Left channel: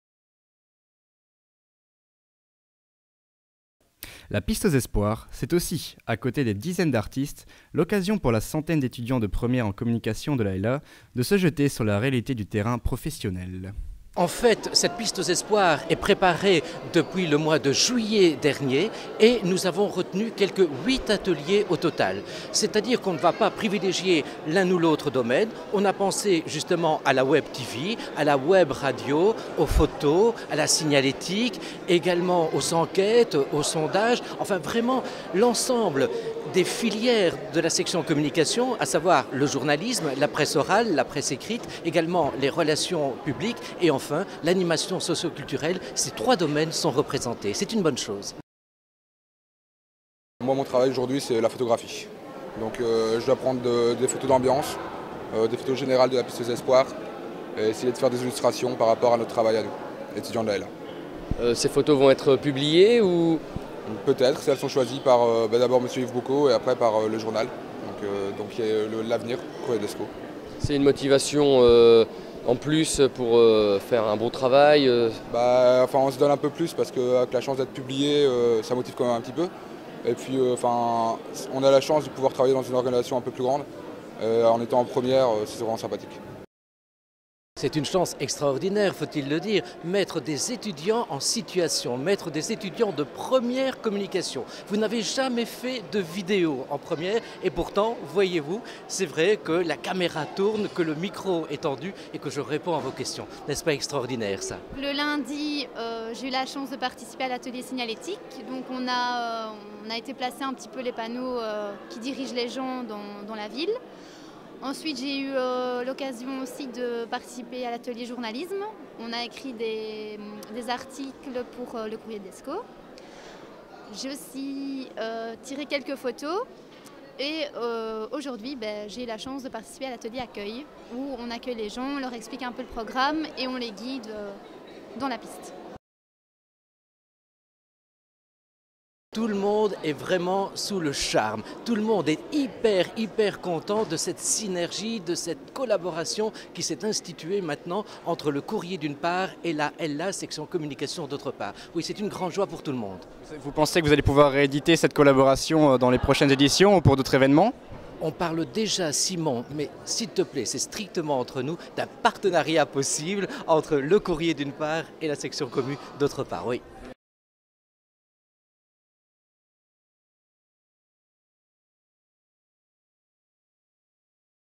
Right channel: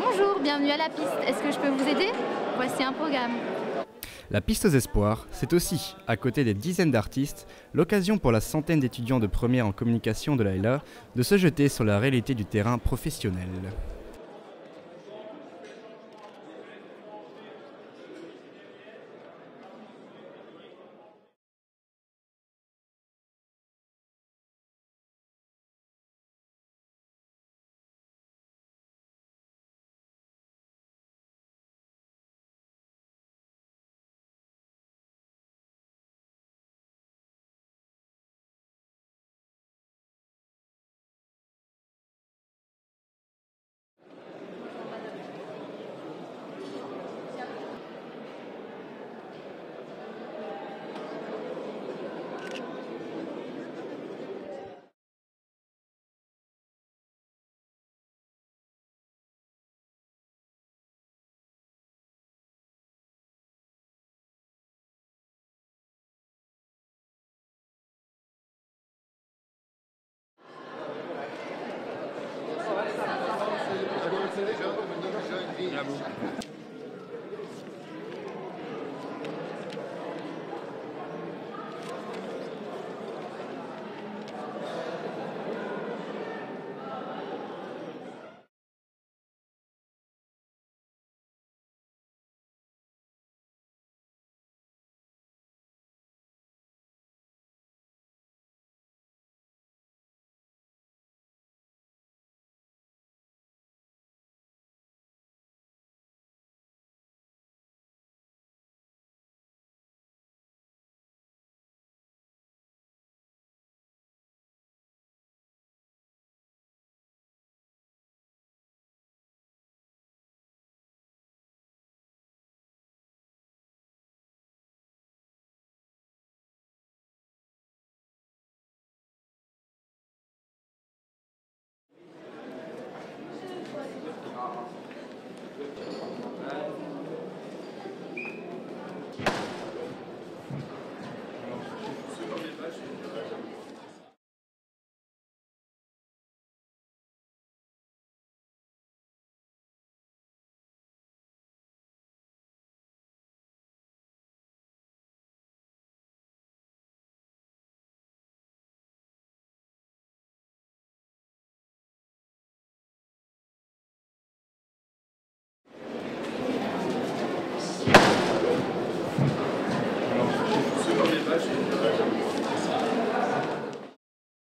Bonjour, bienvenue à la piste. Est-ce que je peux vous aider? Voici un programme. La piste aux espoirs, c'est aussi, à côté des dizaines d'artistes, l'occasion pour la centaine d'étudiants de première en communication de l'AELA de se jeter sur la réalité du terrain professionnel. En fait, cette piste aux espoirs est préparée depuis le mois de juillet dernier et nous avons retenu quelques 8 ateliers au total. C'est-à-dire qu'on ne va pas privilégier l'un ou l'autre domaine. On a pensé justement à la web TV, à la web radio, aux photos, à la signalétique, également aux enquêtes, aux sondages, enfin vraiment l'ensemble des filières de la section communication, à savoir le journalisme, la presse orale, la presse écrite, également les relations publiques et enfin l'animation socio-culturelle. Ces 3 domaines sont représentés. C'est une bonne chose. Moi, mon travail aujourd'hui, c'est la photographie. Donc je dois prendre des photos d'ambiance, des photos générales de la piste aux espoirs et essayer de faire des illustrations par rapport à notre travail à nous, étudiants de l'AELA. Ces photos vont être publiées ou... Peut-être, si elles sont choisies par d'abord M. Yves Boucault et après par le journal, donc il y a l'avenir, Courrier d'Escaut. C'est une motivation en plus pour faire un bon travail Enfin, on se donne un peu plus parce qu'avec la chance d'être publié, ça motive quand même un petit peu. Et puis on a la chance de pouvoir travailler dans une organisation un peu plus grande. En étant en première, c'est vraiment sympathique. C'est une chance extraordinaire, faut-il le dire, mettre des étudiants en situation, mettre des étudiants de première communication. Vous n'avez jamais fait de vidéo en première et pourtant, voyez-vous, c'est vrai que la caméra tourne, que le micro est tendu et que je réponds à vos questions. N'est-ce pas extraordinaire ça? Le lundi, j'ai eu la chance de participer à l'atelier signalétique. Donc on a été placer un petit peu les panneaux qui dirigent les gens dans la ville. Ensuite, j'ai eu l'occasion aussi de participer à l'atelier journalisme. On a écrit des articles pour le Courrier d'Escaut. J'ai aussi tiré quelques photos. Et aujourd'hui, j'ai eu la chance de participer à l'atelier accueil, où on accueille les gens, on leur explique un peu le programme et on les guide dans la piste. Tout le monde est vraiment sous le charme. Tout le monde est hyper content de cette synergie, de cette collaboration qui s'est instituée maintenant entre le Courrier d'une part et la LA, section communication d'autre part. Oui, c'est une grande joie pour tout le monde. Vous pensez que vous allez pouvoir rééditer cette collaboration dans les prochaines éditions ou pour d'autres événements? On parle déjà, Simon, mais s'il te plaît, c'est strictement entre nous, d'un partenariat possible entre le Courrier d'une part et la section commu d'autre part. Oui.